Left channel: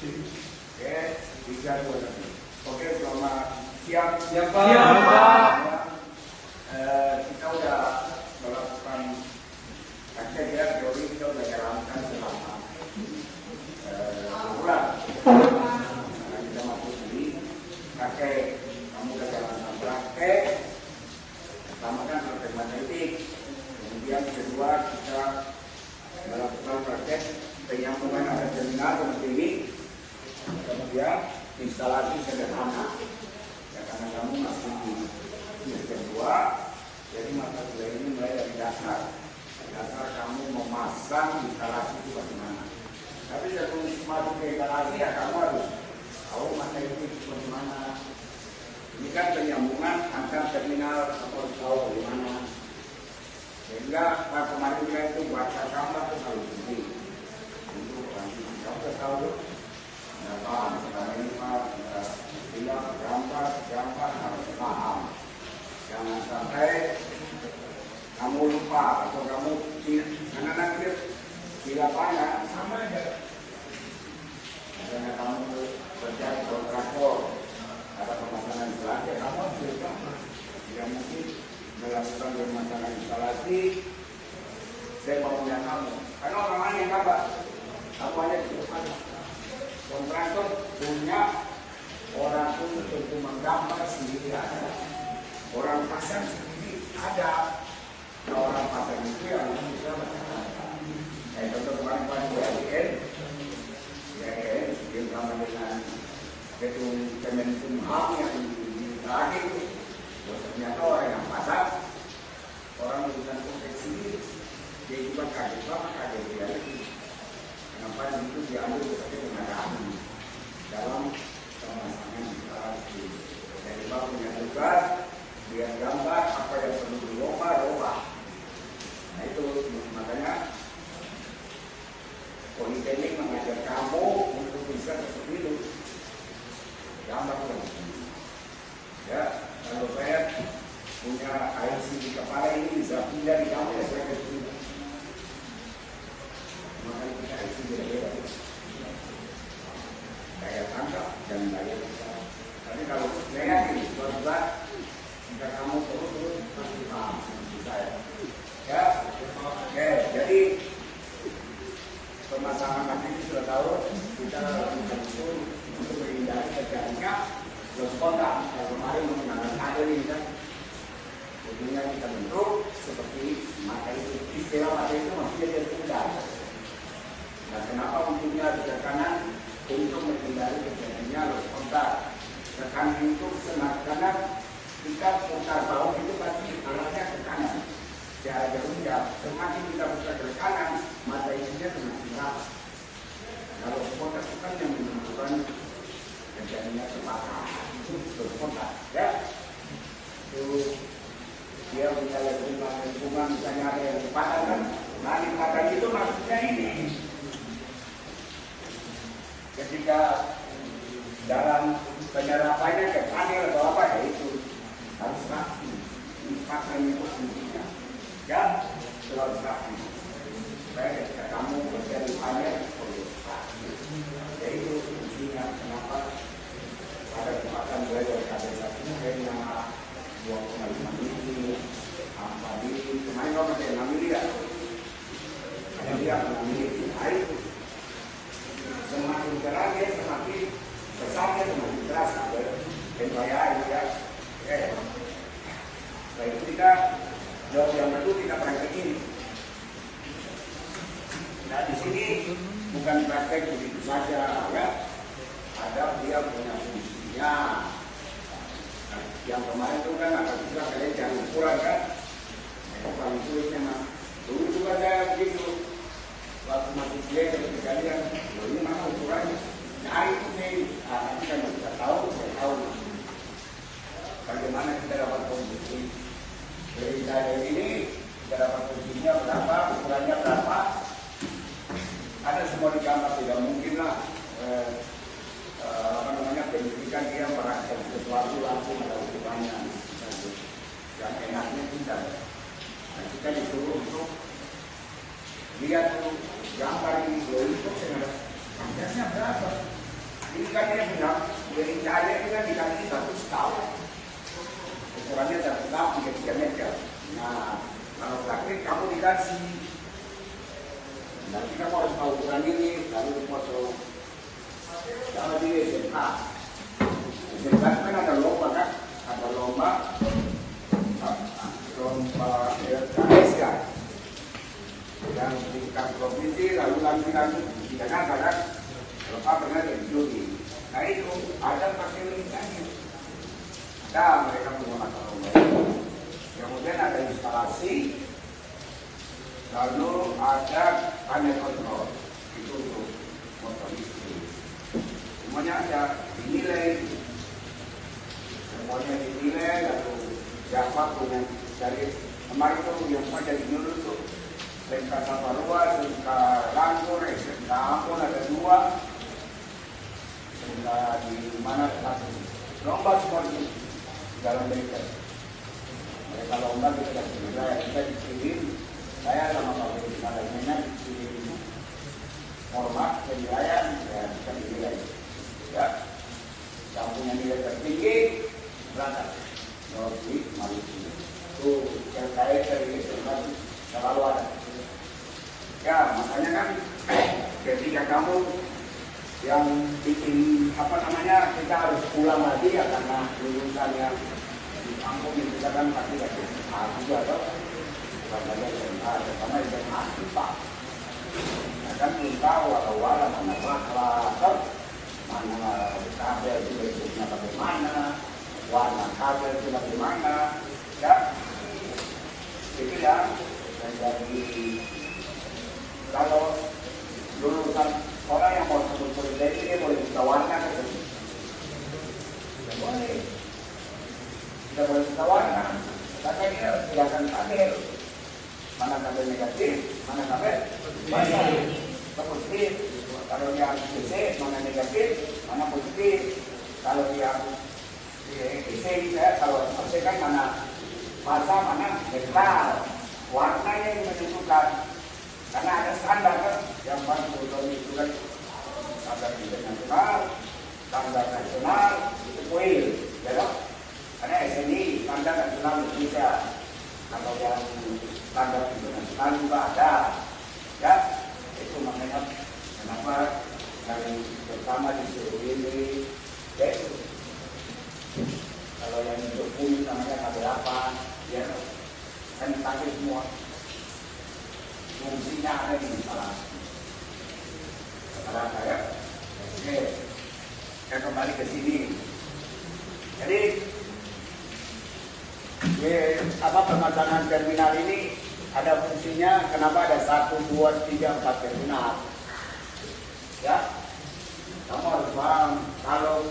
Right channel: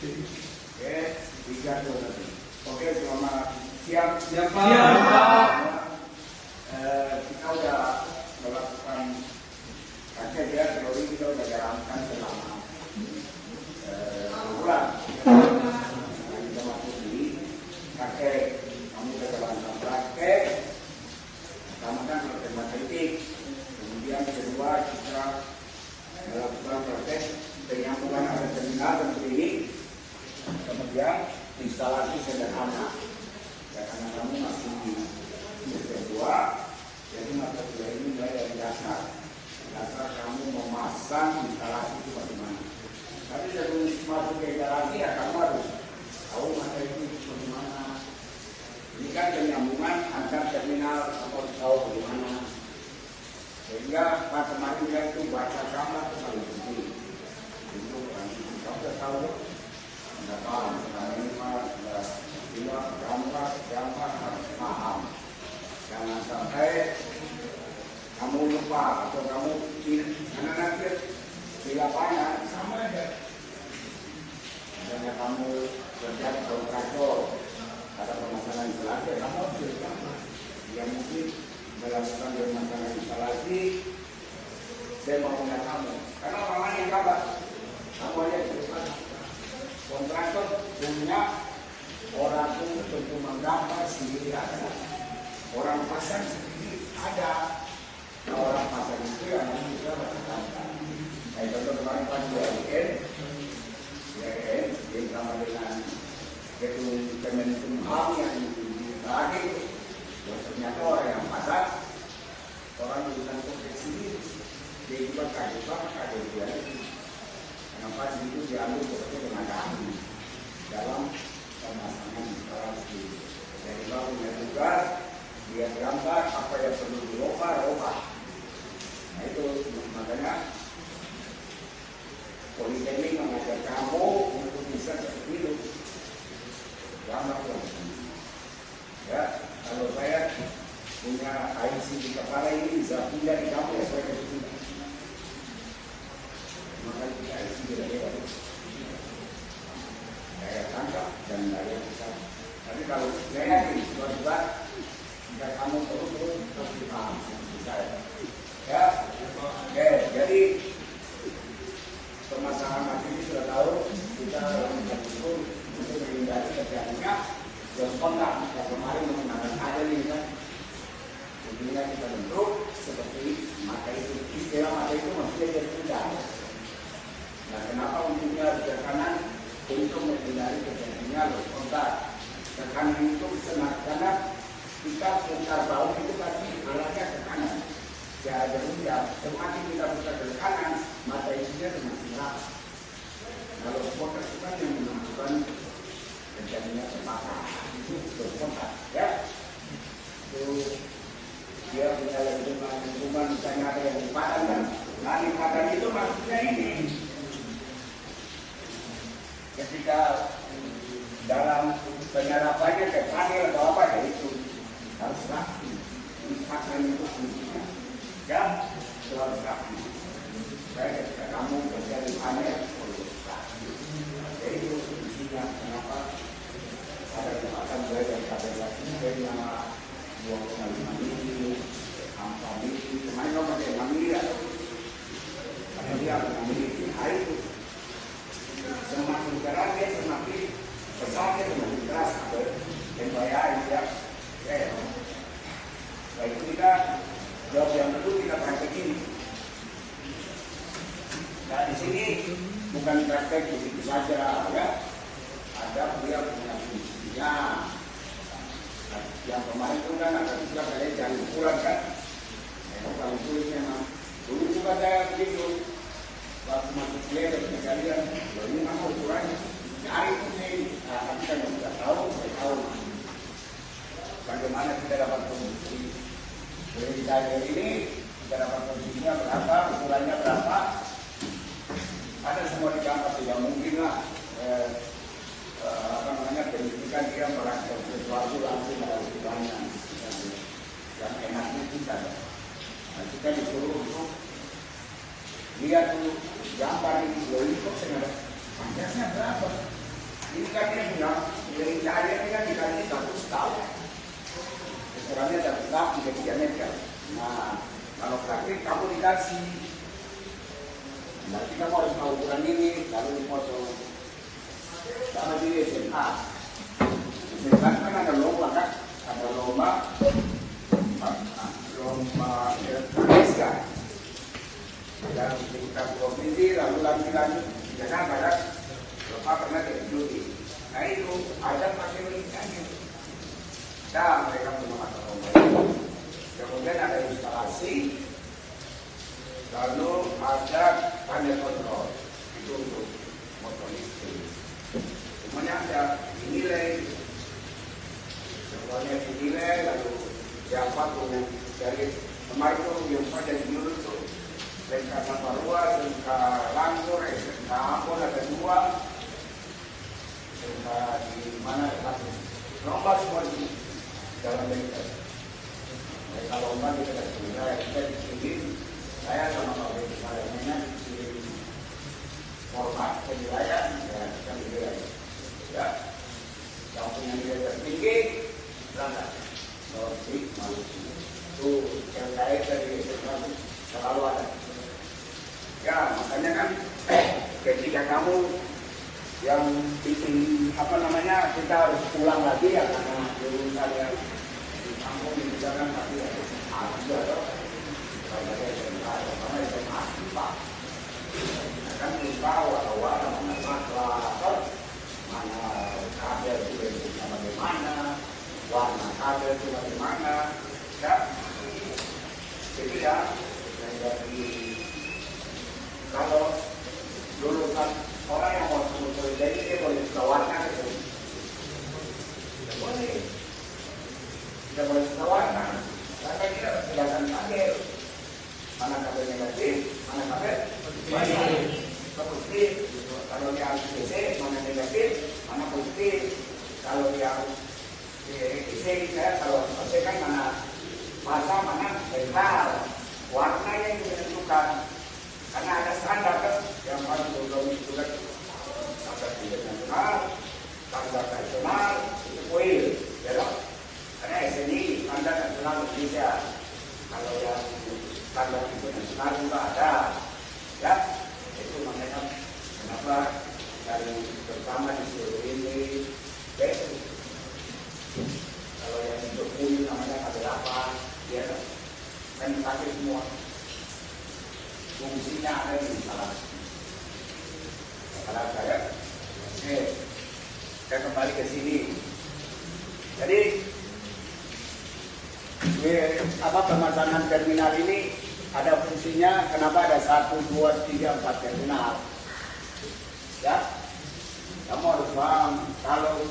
Oke, bisa dua tadi. Oke, selamat siang. Siap, Pak. Kita udah melakukan kajian ya, teori kita udah jalankan selama bulan. Nah, kita masuk di praktek. Kamu udah jalankan praktek. Pertama kan matematik. Kemudian kedua kita melakukan praktek penyambungan antara terminal dan klinik. Kemudian instalasi sederhana. Ya, karena kamu masih di semester 2, jadi mata kuliah ini mulai dari dasar. Dasar kamu memasang instalasi itu bagaimana. Tapi sebelum masuk ke instalasi ya kamu harus tahu mata itu bagaimana. Ini kan penyambungan antar terminal, kamu harus tahu bagaimana. Sehingga pas kemarin kita itu baca gambar itu paling penting. Itu nanti kamu sudah tahu. Nggak paham, karena ini mah bilang gambar harus paham. Jangan sampai kamu lupa atau kamu karena nanti di lapangan sama aja. Misalnya kamu kerja di kontraktor, ada pemasangan instalasi, kamu harus gambar. Yang mungkin melakukan pemasangan instalasi, saya mau punya kamu. Karena orang lain yang gambar, kamu hanya berubah. Kontraktor punya orang untuk menggambar sendiri ada, orang pasang sendiri ada. Orang pasang itu yang bisa menggambar. Contoh kemarin pas ULN, bersama dengan Ketua Kemenkumham yang terakhir, ternyata orang yang pasang, orang bukan profesi, dia juga kaget dia. Kenapa itu diambil sebagai tenaga ahli dalam pemasangan instalasi. Jadi kalau punya tugas, dia gambar apa yang perlu dirubah. Nah itu makanya Politeknik mengajar kamu untuk bisa seperti itu. Gambar politeknik. Ya, kalau saya punya IC di kepala ini bisa pindah di kampus saya kerja. Maka kita isi beda-beda. Saya tangkap dan bayar besar. Tapi kalau saya yakin, suatu jika kamu terus pasti paham seperti saya. Ya, oke. Jadi pemasangan mati itu sudah tahu kita betul untuk menghindari terjadinya loss kontak. Kemarin menggunakan kabel ini kan, ujungnya kita bentuk seperti mata itu. Istilah mata itu maksudnya dia sudah. Nah, kenapa ujungnya di kanan? Untuk menghindari terjadinya loss kontak. Tekanan itu senang karena kita putar bawah itu pasti arahnya ke kanan. Secara berubah, semakin kita putar ke kanan, mata isinya semakin rapat. Nah, loss kontak itu kan yang menunjukkan terjadinya kebakaran. Itu loss kontak, ya. Itu dia kalau lingkungan misalnya ada yang padam kan, nah di padam itu maksudnya ini. Ketika dalam penyerapannya ke panel atau apa ya itu harus rapi. Lipatan itu fungsinya ya selalu rapi. Saya ketika kamu kerja di panel perlu rapi. Jadi itu fungsinya kenapa ada lipatan belajar pada lakukan yang 2,5 mili, 4 mili, kemarin lo masih 6 mili ya? Ada yang 6 mili, itu semakin keras ya semakin besar semakin keras berbayar ya. Baik kita jauh yang kedua kita praktek ini. Nah di sini bukan praktek begitu saja ya. Ada dia punya fungsinya. Nah, yang kemarin itu kan ada bisa kalian cari ukuran kan. Itu paling sulit memang. Dulu juga saya begitu. Waktu masih kuliah dan kejadian, ini mana ukurannya? Nyari itu nih, nanti saya juga tahu, saya tahu. Bagaimana kita dapat kondisi perintah ini, kita dapat kondisinya berapa, ukurannya berapa. Ada semua di gambar, tidak mungkin lah. Pendidikan dia merasakan sesuatu langsung ada ukurannya. Yang enaknya kita. Nah, kita disuruh untuk lihat gambar ini untuk sengaja panjangnya berapa, dia punya wilayah itu kan dikali 100 tahun. Ukurannya tetap 3 meter. Nah, kalau praktik kamu dikasih. Nanti kamu harus tahu ukuran ini, lalu dipotong. Sama di SMA. SMA kan ada lomba kan? Ada lomba SK. Yang tingkat provinsi, lalu lanjut di Jakarta kan? Bapak pernah diuji. Nah itu ada pakai linknya. Nah mereka menggunakan lomba itu. Kemudian ada instalasi, lalu ada panel kontrol. Itu untuk motor listrik. Semuanya ada dinilai, semuanya dinilai, lalu siapa pun dari kemarin itu yang pada dulu itu perintah tata ruang, perintah langsung, perintah ampun ada 2, perintah di mana langsung lomba seperti dalam militer. Mereka lomba kita dikirim, saya sama Pak Wali Kepalanya dikirim format penilaian, ya kita pilih ya, yang punya nilai tertinggi berangkat lewat di Maluku. Itu yang saya dari selalu ada. Ya makanya kan ketika kamu yang bikin apa namanya kita harus pulang lagi ya karena lulusannya di kampung kita kan pasti ya juga dong. Karena SMA, karena SMA Pak. Nah kan kita walau mana maklar, mana kabel itu bentuknya bagaimana, warna kabel itu bagaimana, ya. Jadi ya, dari kalau dulu kan orang yang mau sebut politik ini boleh kita warna gitu. Boleh. Kita boleh kita warna. Karena kita silakan pakai mana kabel negatif, mana kabel positif. Positif. Kalau yang DC mana negatif, mana positif. Kalau yang DC kalau positif kan mana masa mana netral. Warnanya yang menentukan. Karena ada standar kan yang harus belum itu kan standar internasional, standar nasional, WIL, ya dong. Karena SNI standar nasional Indonesia. Kalau yang standar internasional juga ada, ya. Itu makanya kenapa dari pertama di sini, kalau yang untuk kulit namanya kabel apa, ya kan pakai semua. Fungsinya ada di instalasi. Kata saya, oke, saya kembali ke sini. Jadi, pemasangan terminal ini ada fungsinya. Kenapa ada 1, 2, 3, 4 terminal? Ya, kamu harus paham. Kalau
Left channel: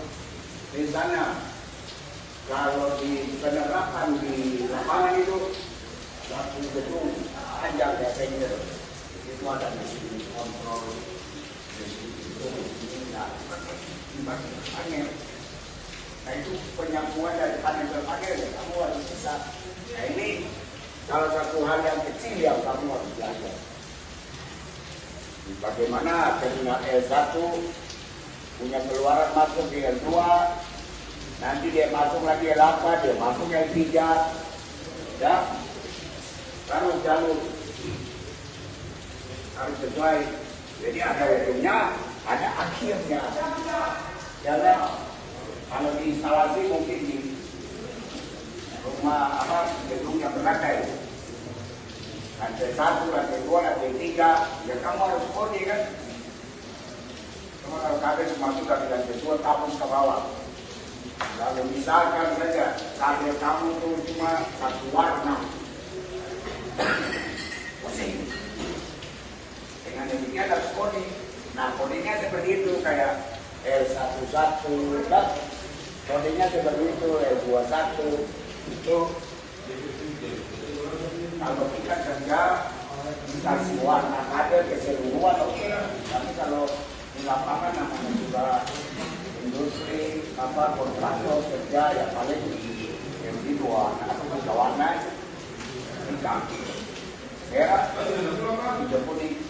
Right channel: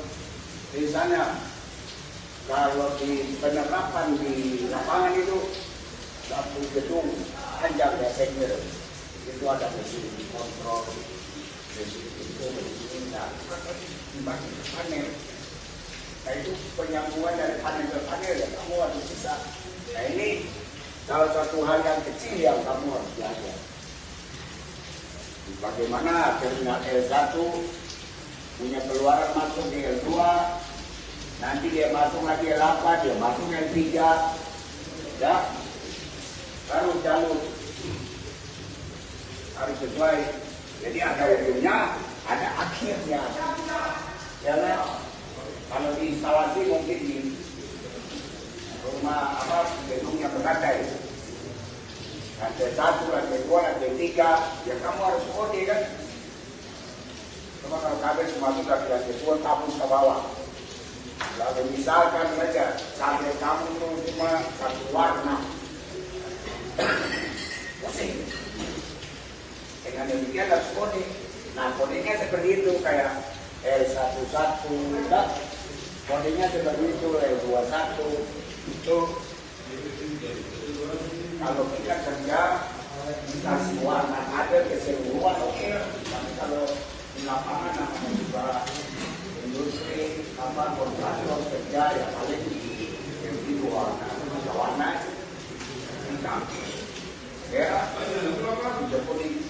misalnya, kalau di penerapan di lapangan itu satu gedung panjang biasanya itu ada mesin kontrol, mesin itu, mesin panel. Nah itu penyambungan dari panel ke panel ya kamu harus bisa. Nah ini salah satu hal yang kecil yang kamu harus belajar. Bagaimana terminal L1 punya keluaran masuk di L2, nanti dia masuk lagi L8, dia masuk L3, ya. Jalur harus sesuai. Jadi ada ujungnya, ada akhirnya. Ya kan? Kalau di instalasi mungkin di rumah gedung yang berlantai. Lantai 1, lantai 2, lantai 3, ya kamu harus kode kan. Cuma kalau kabel masuk ke lantai 2, tabung ke bawah. Lalu misalkan saja kabel kamu cuma satu warna. Dengan demikian harus kode. Nah kodenya seperti itu kayak L11, kodenya seperti itu L21 itu. Kalau kita kerja dikasih warna kabel keseluruhan oke. Tapi kalau di lapangan namanya juga industri kontraktor kerja ya paling di warna atau warna hitam. Ya, tidak kuning.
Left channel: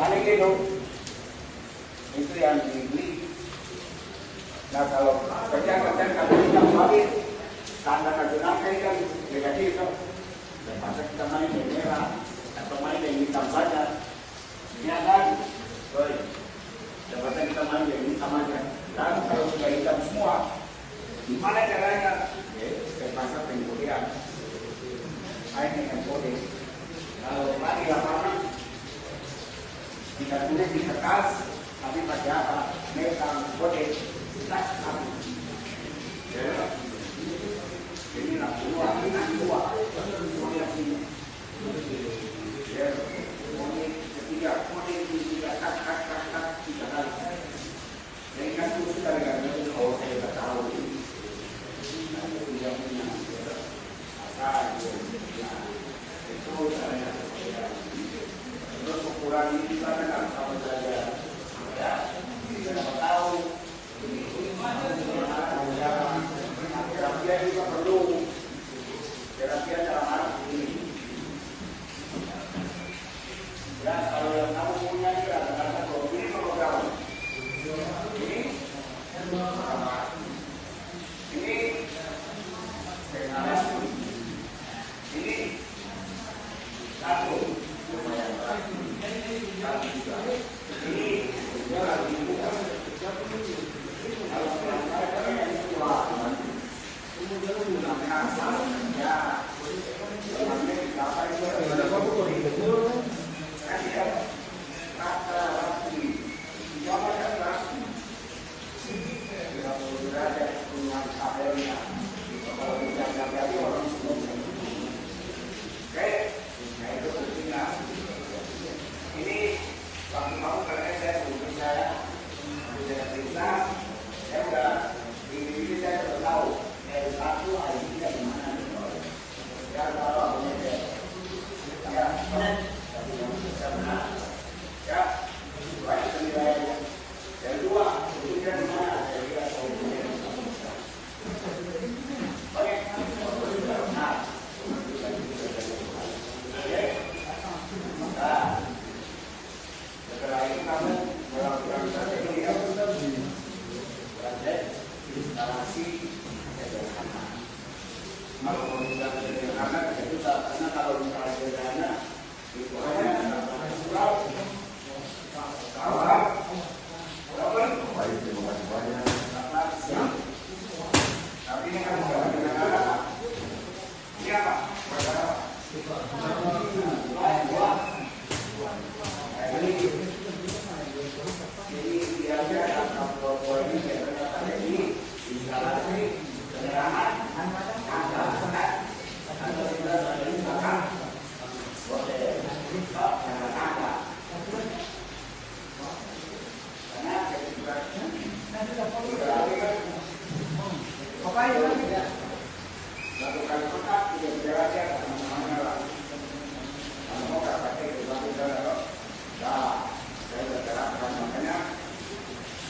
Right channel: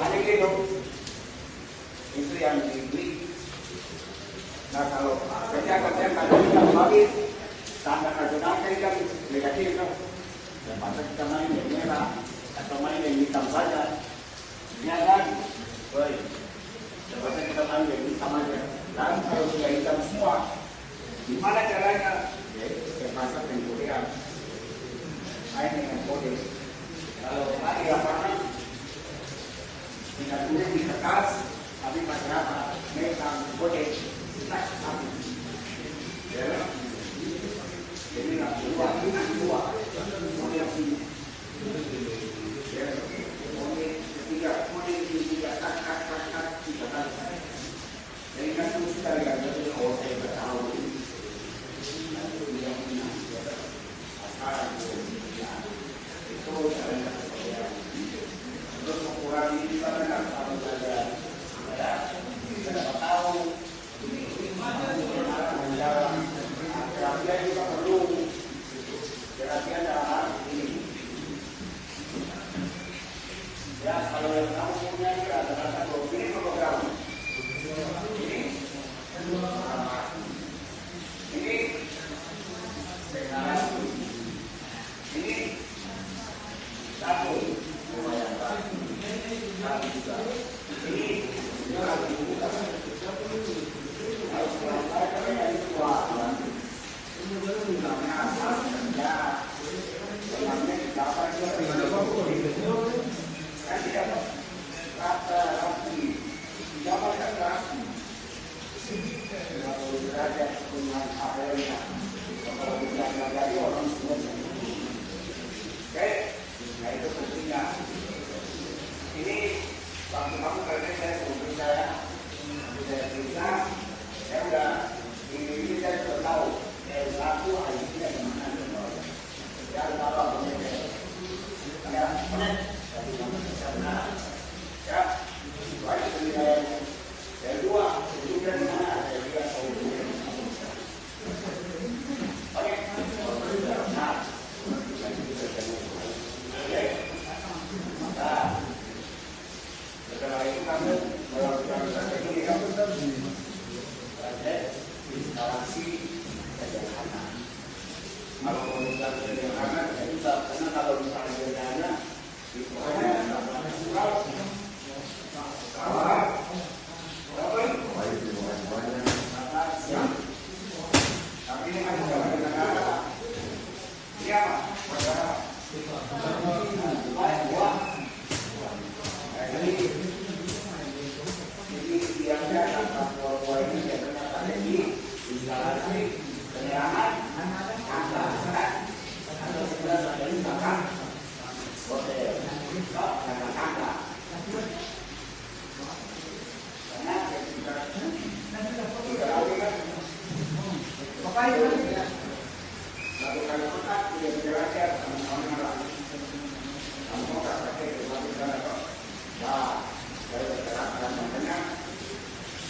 Paling itu yang dibeli Nah kalau kerja kalau kita balik tanda nasional kan negatif kan. Dan masa kita main yang merah atau main yang hitam saja, ini ada. Baik. Dan masa kita main yang hitam aja. Dan kalau sudah hitam semua, gimana caranya? Ya, terpaksa pengkulian. Main dengan kode. Kalau di lapangan, kita tulis di kertas, tapi pakai apa? Megang kode. Kita habis. Ya. Jadi nak dua, kode ini. Ya, kode ketiga, kat, tiga kali. Jadi kan itu sekali lagi kalau saya bertahu ini, nanti tidak punya asal itu saya terus mengurangi di mana kalau saja ya kita dapat tahu terapian juga perlu terapian dalam hal ini ya kalau yang kamu punya juga katakan bahwa ini program ini dengan ini satu lumayan satu juga ini lagi kalau kita yang kuat ini namanya asal ya namanya dapat itu kan tidak kata rapi jangan rapi kalau derajat punya kabarnya kalau tidak jadi orang semua oke nah itu pentingnya ini bang karena saya mungkin saya cerita saya udah ini saya sudah tahu yang satu hari tidak dimana ya apa ya jadi yang bisa benar ya baik penilaiannya yang dua itu kan mana saya tahu baik benar nah setelah itu kamu melakukan strategi kamu budget instalasi sederhana. Kalau melakukan sederhana tidak bisa karena kalau misalnya sederhana itu hanya kawat, tapi ini kan bukan sederhana. Ini apa? Ini biasanya kalau ini ternyata ini instalasi penerangan ada sudah ada misalkan hotel yang berkata karena ketika apa itu satu kali kotak tidak berjalan sama-sama lah kalau mau tak pakai berbagai cara nah saya berjalan makanya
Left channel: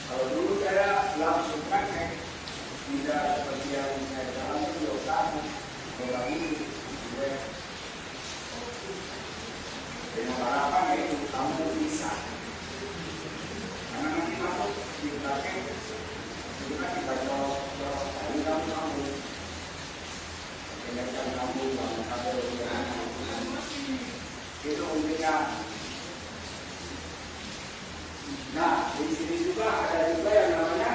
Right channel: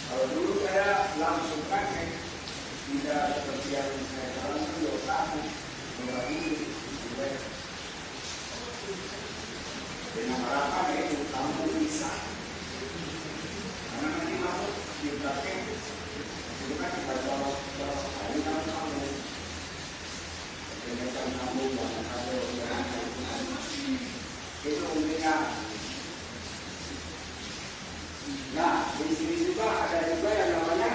kalau dulu saya langsung pakai tidak seperti yang saya dalam video satu membagi dengan harapan itu kamu bisa karena nanti masuk di praktek itu kan kita jawab kamu dengan kamu yang kabel itu umumnya. Nah, di sini juga ada juga yang namanya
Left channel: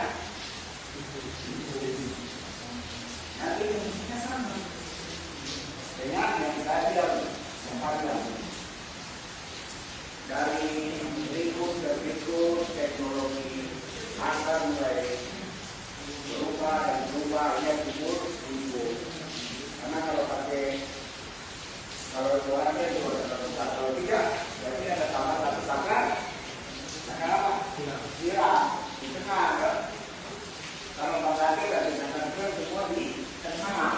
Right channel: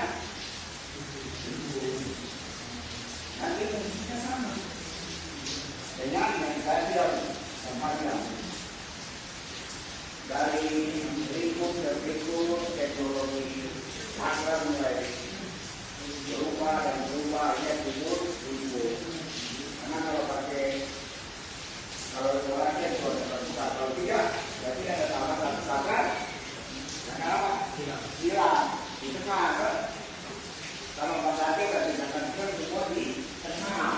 nanti musiknya sama dengan yang kajian tempatnya dari berikut teknologi akan mulai berubah dan berubah ya kubur ribut karena kalau pakai kalau jalannya kalau tidak berarti ada tambahan kenapa? Silang di tengah kan? Kalau bangkati ada tindakan semua di tengah.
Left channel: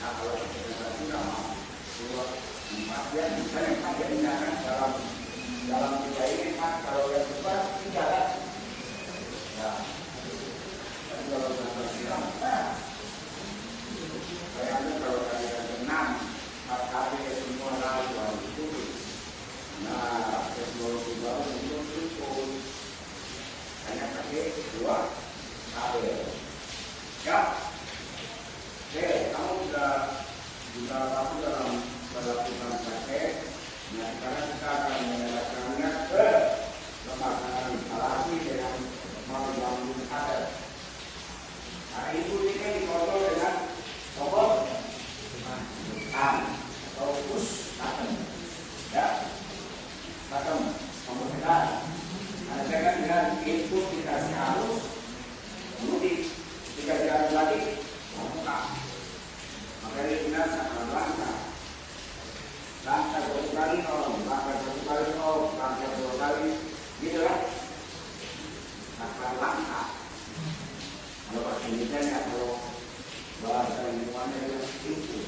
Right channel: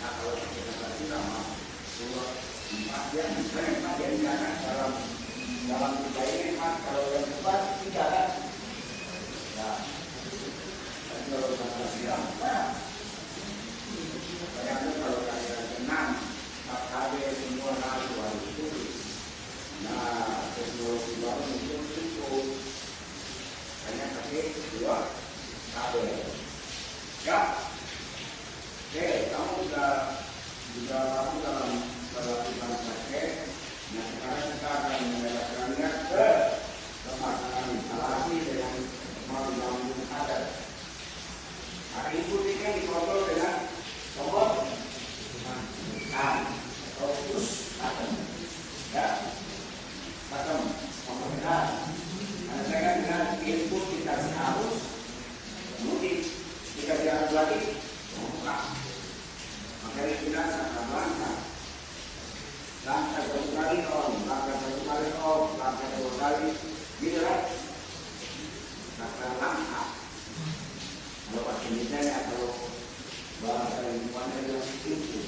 Nah kalau kita silang surat bagian misalnya bagiannya kan dalam kita ini kan kalau yang cepat tidak kan? Ya. Tapi kalau kita silang apa? Bayangkan kalau kalian tenang, kali semua lalu itu. Nah, teknologi baru muncul hanya pakai dua Ya, oke, kamu sudah kamu dalam melakukan praktek. Nah, sekarang kita akan menyerahkannya ke pemasangan instalasi dengan membangun adat. Nah, input ini dikontrol dengan tombol atau push button, ya, button tombol tekan. Nah, dengan input kita harus mudik, jika jalan lagi membuka. Maka dia bilang kata langkah satu kali on, langkah satu kali off, langkah dua kali, gitu kan? Kata langkah. Kalau bahasa Indonesia, kalau bahasa ilmuannya adalah input.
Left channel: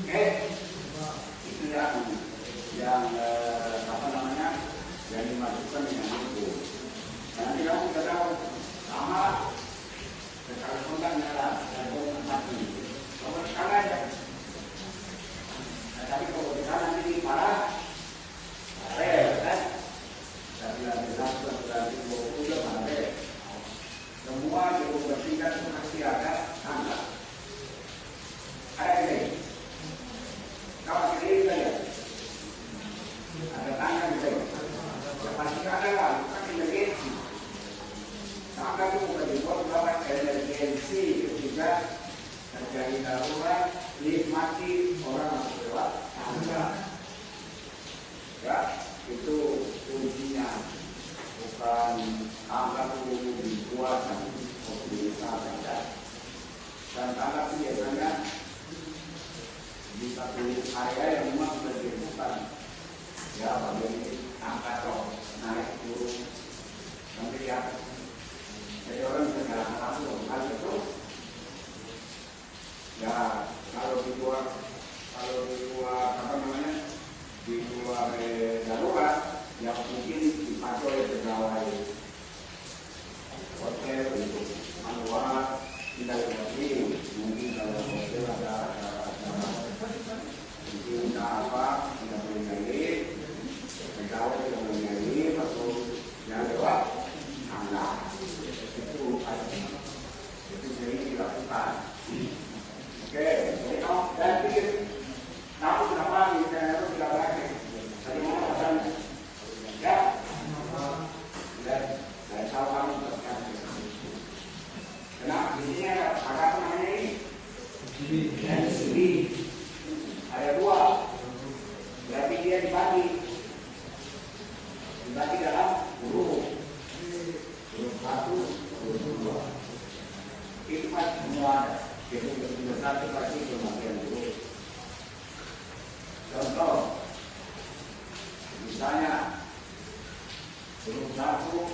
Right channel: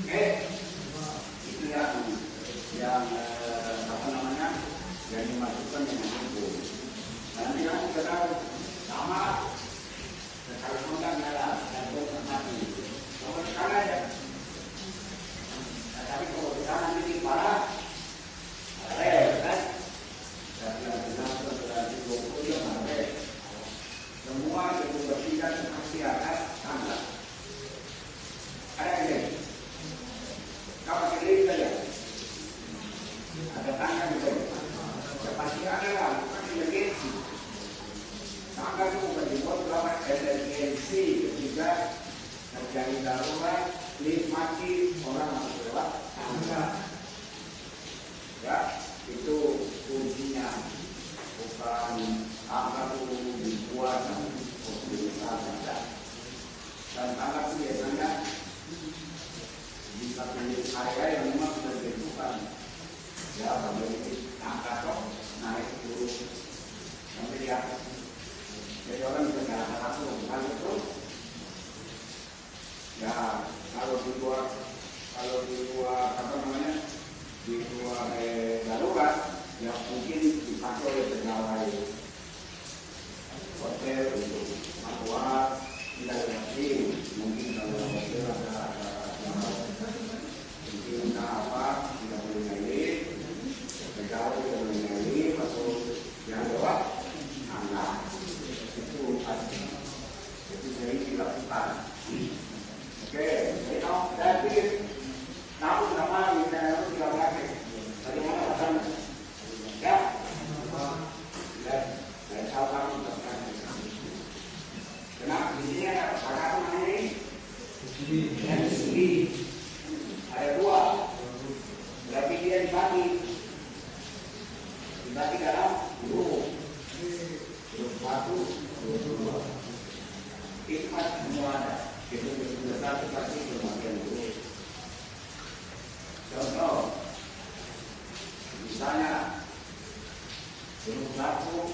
Oke, itu yang apa namanya, yang dimasukkan dengan input. Nanti kamu sudah tahu sama sekali kontaknya lah, dan mati. Kalau sekarang ya, tapi kalau kita nanti parah, rel kan, dan jelas berarti 20 jam rel. Semua itu bertingkat masih ada tangga. Ada ini, kapan ini saja, ada tangga di sini. Ya pasti ada lah, pasti emergensi. Tangga itu bukan dibuat berapa emergensi ketika terjadi darurat, lift mati, orang masuk lewat tangga. Ya, itu kuncinya. Bukan tangga itu dibuat dan diusahakan. Dan tangga itu biasanya di satu area yang memang sudah ditentukan. Ya, bagi tangga cok naik turun sampai di atas. Jadi orang bisa jalan langsung hal itu. Ya, kalau dibuat apa namanya, dibuat darurat, ya mungkin dipakai oleh pegawai hotel untuk manual tidak lagi. Mungkin kalau hotel ada mungkin apa tidak boleh naik, pegawai tidak boleh naik atau yang lewat tangga itu sering dilakukan. Oke, jadi kalau dari tahu berapa misalnya itu tidak lagi, bagaimana rasanya? Ya, dan kalau kamu tekan, kenapa di sini ada apa namanya ini? Di sini ada dua, berarti dia dibagi dalam huruf satu, huruf dua. Itu pasti semua ada. Itu besar itu pasti berbagian huruf. Contoh, misalnya huruf satu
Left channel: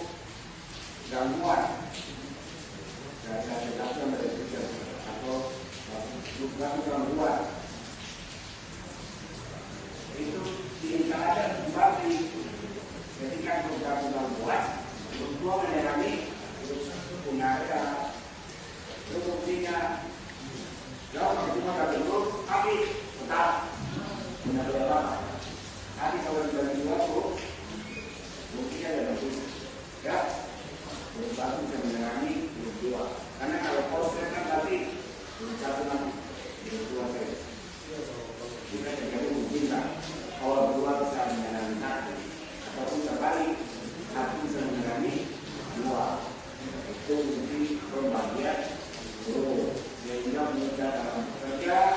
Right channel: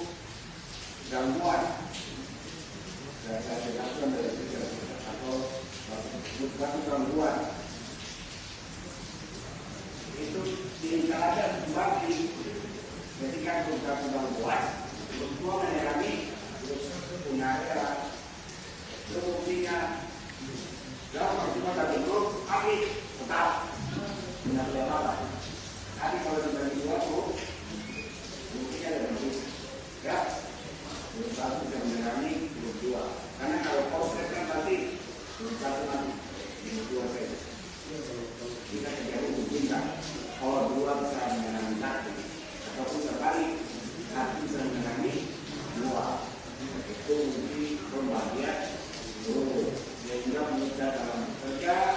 gangguan dari satu dari tiga atau huruf satu gangguan itu tidak ada dibagi. Ketika huruf satu gangguan, huruf dua menyerami punya area. Buktinya, kalau cuma satu huruf, habis, tetap benar apa? Tapi kalau dibagi dua huruf, buktinya ada lebih. Ya, huruf satu bisa menyerami huruf dua. Karena kalau konsep kan tadi huruf satu nanti huruf dua saja. Jika terjadi mungkin kalau dua bisa menyerami satu, ataupun kembali satu bisa menyerami dua. Itu mungkin pembagian huruf, sehingga mudah dalam bekerja,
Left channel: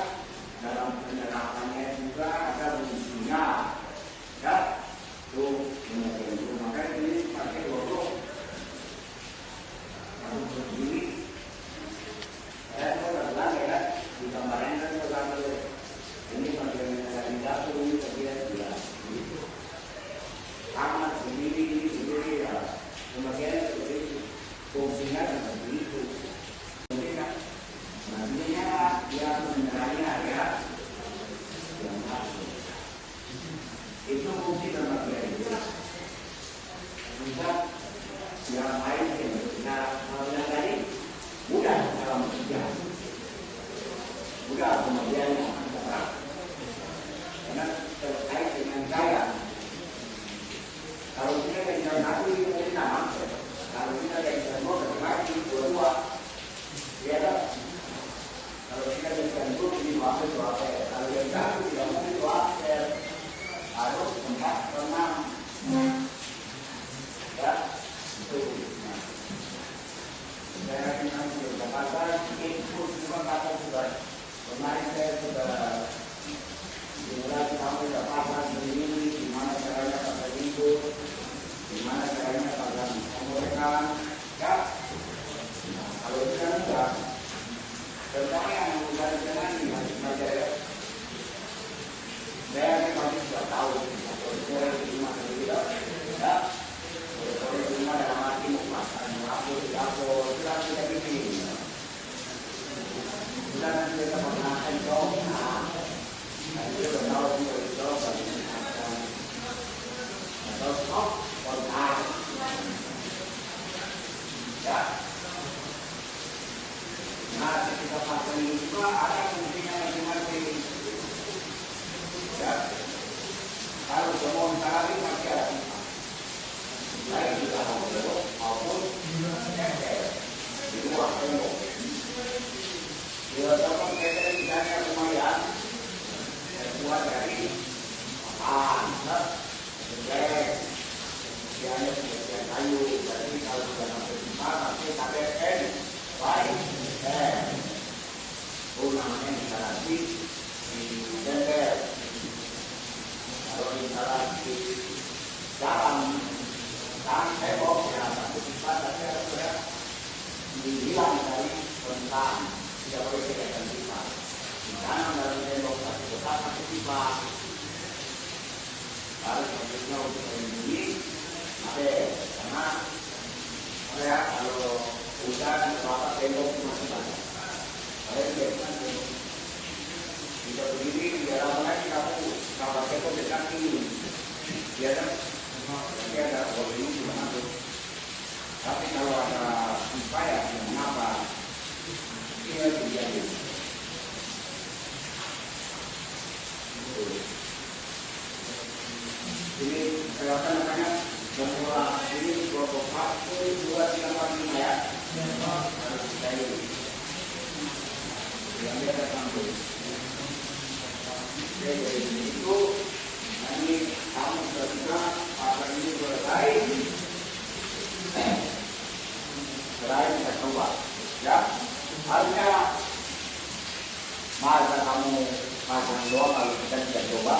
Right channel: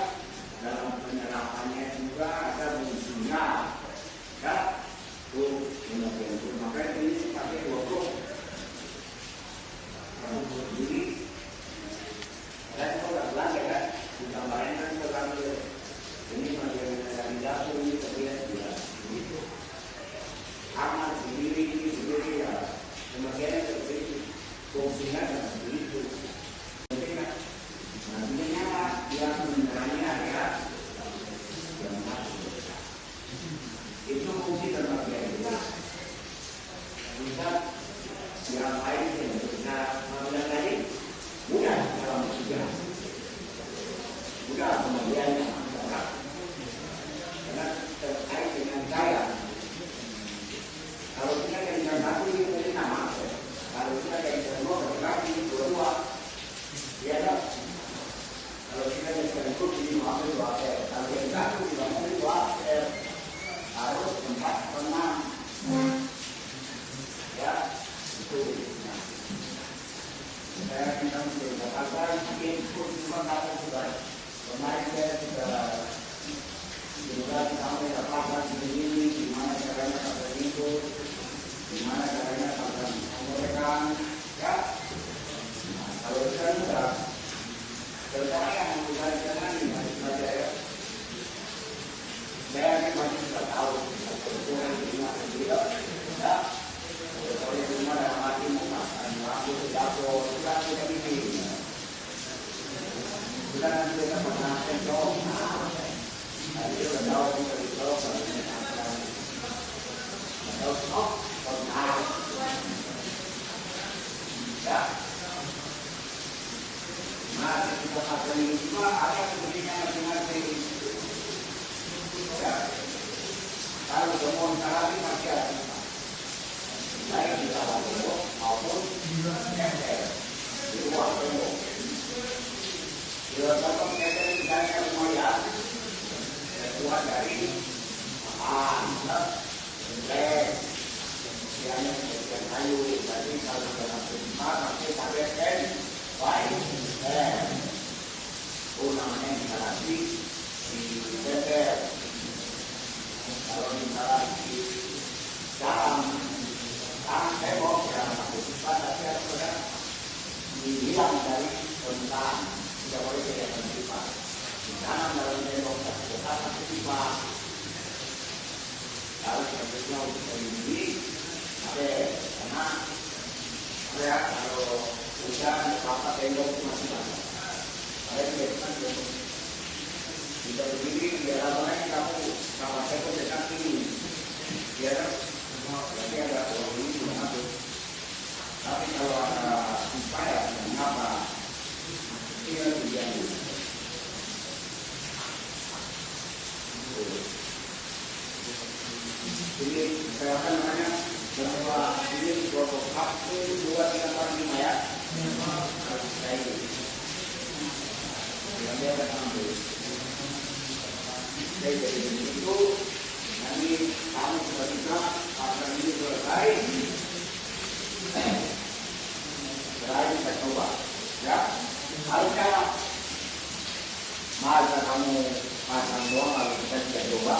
dalam penyerapannya juga ada fungsinya. Ya, itu itu. Maka ini pakai dua huruf. Ini saya sudah bilang ya kan, di gambarnya kan sudah dulu. Ini bagian dari dapur ini bagian jelas. Itu amat sendiri ya. Kemudian itu fungsinya seperti itu. Nantinya dia menyerahnya area yang satu. Itu fungsi termasuk dari itu. Juga yang lain yang kita tadi mudah dalam kerja, mudah kemudiannya karena terkait dengan daya. Kalau kita yang satu itu mungkin nama, kalau kita yang kedua lagi dua-dua, dia Saya akan kamu berkata input cuma kamu juga. Kemarin saya sudah bilang kamu tidak apa-apa begini, gimana caranya pakai input, gimana caranya pakai penggorengan, ya. Kalau itu kan sudah bertanya yang jangan masih belajar ya. Saya masih tidak tahu atau boleh cuma tidak, ya. Kalau cuma dalam hati makan, aku tidak ini. Sudah nanti kita mengenai jawab. Nah, dia sudah tahu kita jawab pada makan. Kalau stop, kalau ya. Nah, kita pakai juga ada kemungkinan masing-masing. Ya. Kalau semua sekali masih ada. Saya juga tahu maupun jadi waktu bila dapat kita mencari kemuliaan keluar dari yang kayu jadi kalau dalam tempat kita berikan baik namanya instalasi di DPR kalau instalasi dalam saya mau kita sudah dibilang dari tentang tidak boleh kegiatan privat. Di dalam demokrasi tetap privat. Harus selanjutnya untuk ini, karena kalau hujan bapak tembok masih banyak. Saya biarkan tidak berdiri di dalam lain kamu bapak tembok dengan ini. Biar tapi ada orang ini mengatur. Tapi kalau ada upaya mengapa ini terjadi? Jadi saya akan tanya bahwa ini kelompok satu, dua, tiga, empat, lima ya. Yang dia datang dulu. Jadi itu ini kamu sudah bilang apa ini selesai. Terakhir kita coba, ya. Harusnya masa kamu pasang doang kalau kita tidak coba.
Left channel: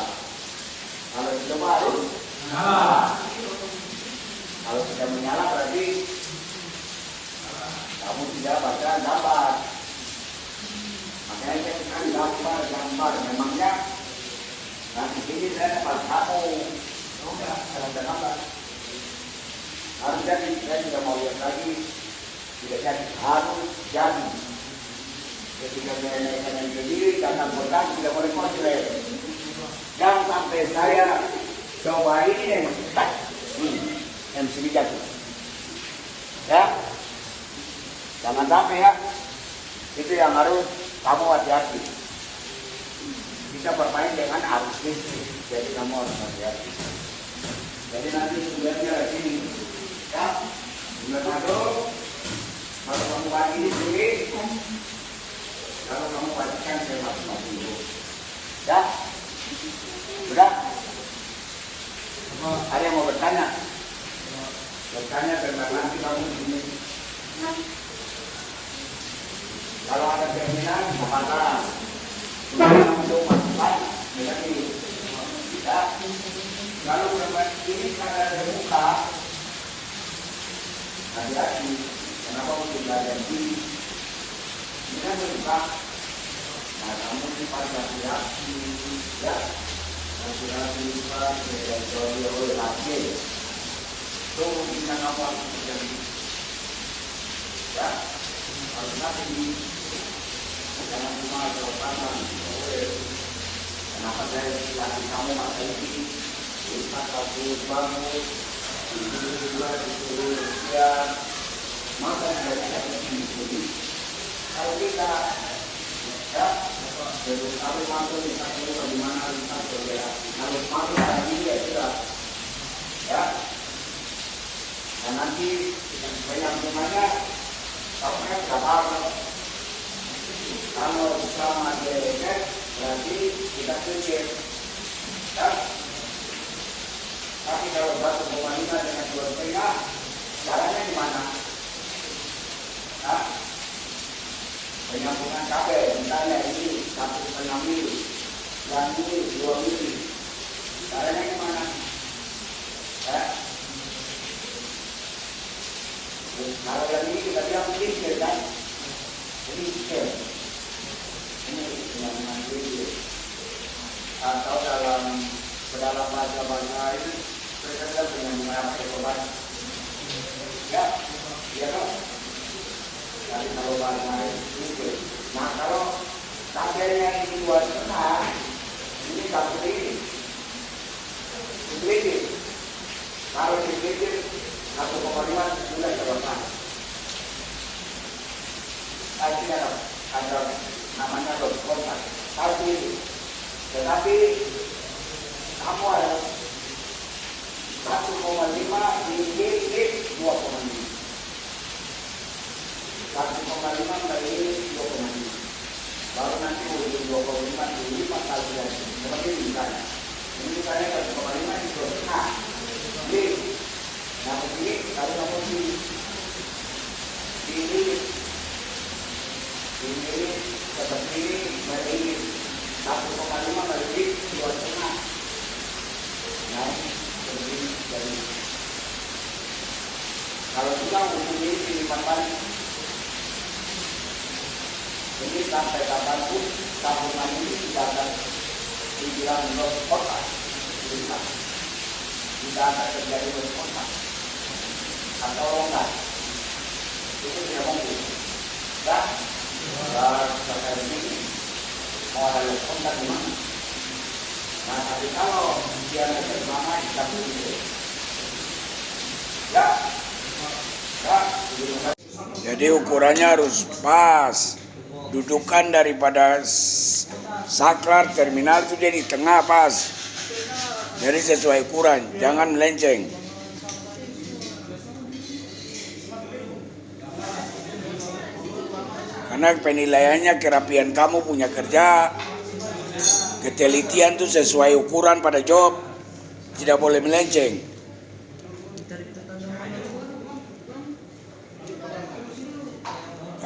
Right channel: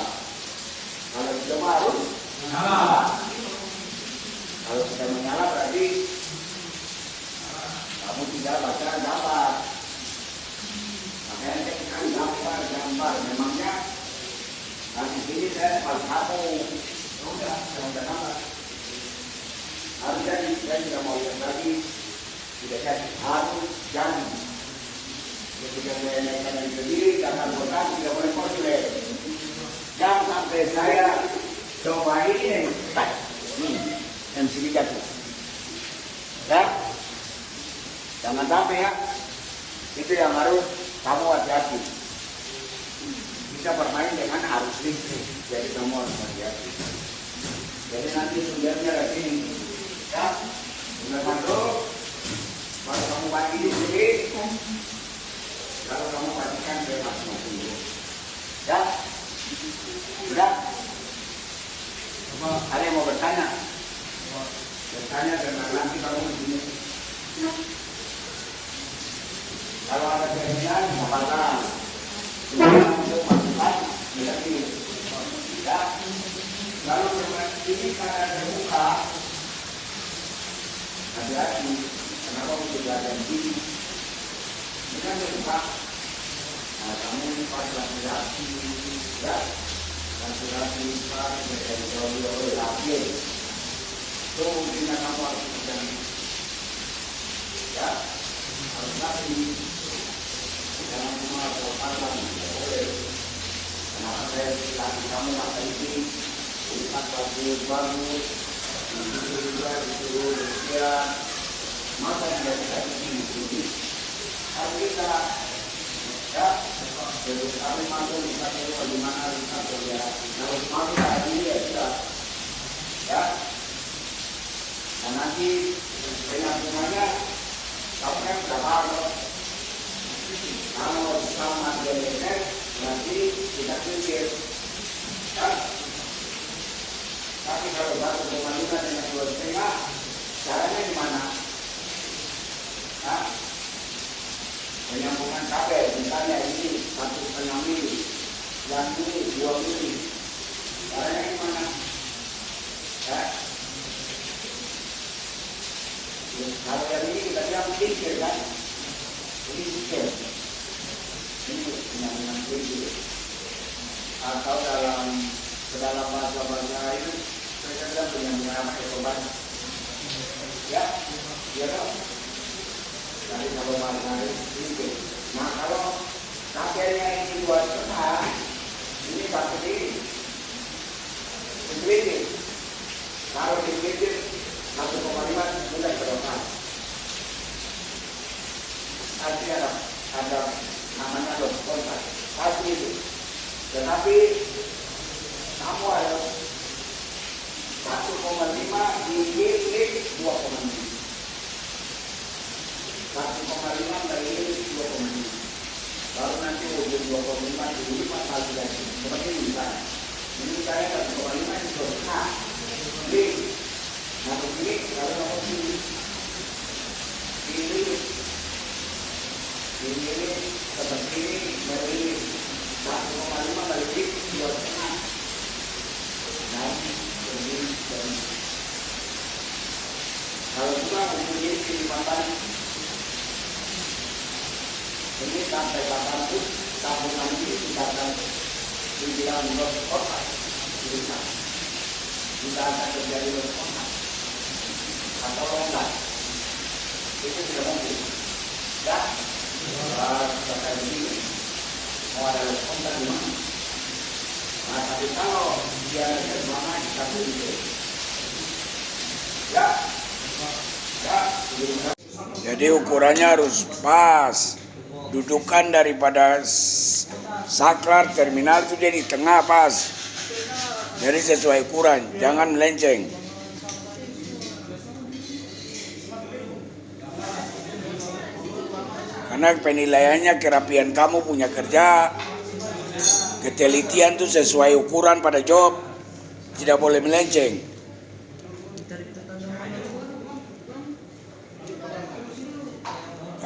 Kalau dicoba harus menyala. Kalau kita menyala berarti kamu tidak bakalan dapat. Makanya saya kan gambar. Memangnya yang di sini saya dapat satu. Enggak, kalau tidak dapat. Harus jadi, saya tidak mau lihat lagi. Tidak jadi, harus jadi. Ketika saya naikkan sendiri, karena bukan tidak boleh konsulen. Jangan sampai saya coba ini yang sedikit. Ya, jangan sampai ya. Itu yang harus kamu hati-hati. Bisa bermain dengan arus listrik, jadi kamu harus hati-hati. Jadi nanti sumbernya ini, ya, sudah masuk. Kalau kamu mati sendiri, kalau kamu matikan bebas mati. Ya. Sudah? Ada yang mau bertanya? Bertanya tentang nanti kamu begini. Kalau ada keinginan, silakan. Untuk masukan, berarti. Ya. Lalu ini karena ada muka, hati-hati. Kenapa tidak ada diri? Ini kan muka. Nah, kamu ini pada laki-laki, ya. Laki-laki dari oleh laki. Itu mungkin kamu harus terjadi. Ya, harus laki. Jangan cuma jawaban, boleh. Kenapa saya laki kamu masa ini? Lipat lagi bangun, itu ya. Maka yang dari ini. Kalau kita ya, harus mampu kita tahu bagaimana kita kerja, harus mampu hari ini ya, ya. Dan nanti dengan semuanya, kamu kan sudah tahu. Kalau bersama dia dekat, berarti tidak pikir. Ya. Tapi kalau baru pemerintah dengan dua setengah, caranya kabel, misalnya ini 1,6 mili, yang ini 2 mili. Caranya gimana? Kalau yang ini kita bilang kecil kan? Ini kecil. Ini yang kecil. Atau dalam bahasa itu mereka bilang dengan obat. Ya, ya kan? Jadi kalau bahasa itu. Nah kalau kabelnya ini 2,5, ini satu ini. Sedikit. Kalau sedikit 1,5 sudah terlepas. Artinya ada namanya kontak. Tetapi kamu harus 1,5 dikit 2,5. 1,5 kali 2,5. Baru nanti ujung 2,5 dilipat kali lagi. Seperti ini misalnya. Ini saya 1,5 di setengah. Jadi, nah begini kalau mau ini seperti ini dari 1,5 kali 2,5. Nah, jadi kalau kita memilih silipan balik, ini sampai kapanpun tahun nanti kita akan dibilang lost kontak, kita akan terjadi lost kontak atau enggak, itu tidak mungkin. Ya, seperti ini mau ada lost kontak di mana? Nah, tapi kalau dia bersama kita begitu, ya. Jadi ukurannya harus pas. Dudukan daripada saklar terminal itu dia di tengah pas. Jadi sesuai ukuran, jangan melenceng. Karena penilaiannya kerapian kamu punya kerja, ketelitian itu sesuai ukuran pada job, tidak boleh melenceng.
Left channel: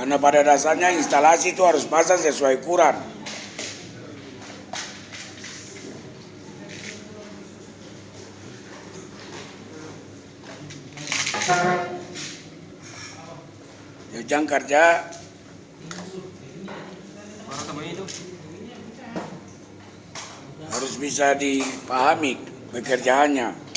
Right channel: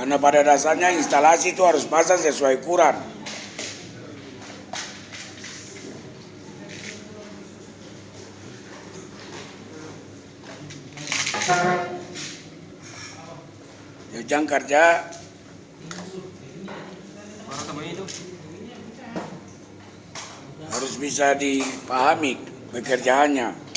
Karena pada dasarnya instalasi itu harus pasang sesuai ukuran. Jang kerja harus bisa dipahami pekerjaannya.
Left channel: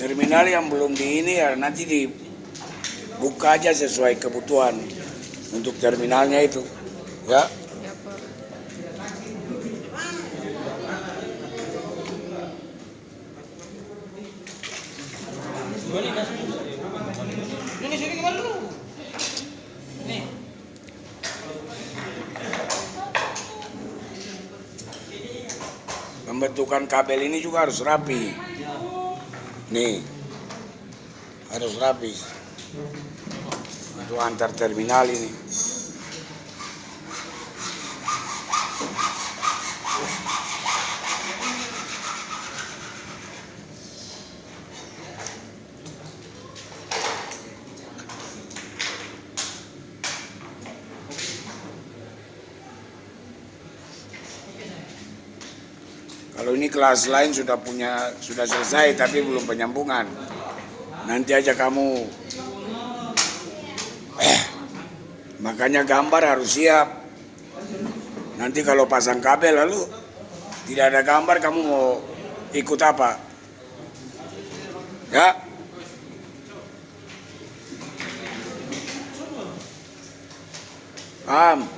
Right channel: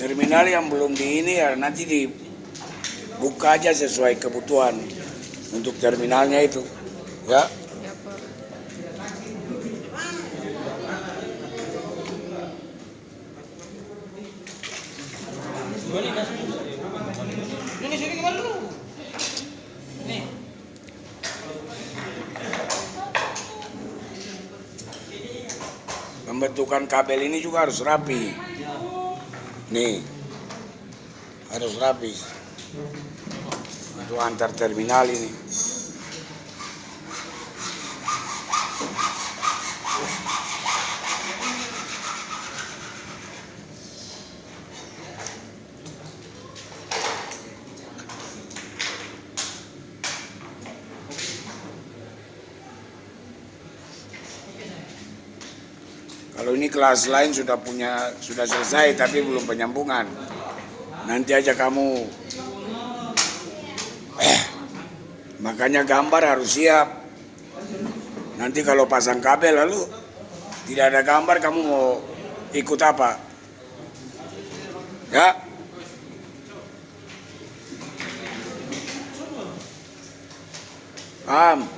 Terminal yang belum di ini ya nanti dibuka aja sesuai kebutuhan untuk terminalnya itu, ya. Pembentukan kabel ini juga harus rapi. Nih, harus rapi untuk antar terminal ini. Kalau ini kelas lain sudah selesai tapi belum penyambungan. Nanti aja kamu makanya gambar harus siap. Nanti kalau pasang kabel lalu tidak ada gambar, kamu mau ikut apa? Ya. Paham?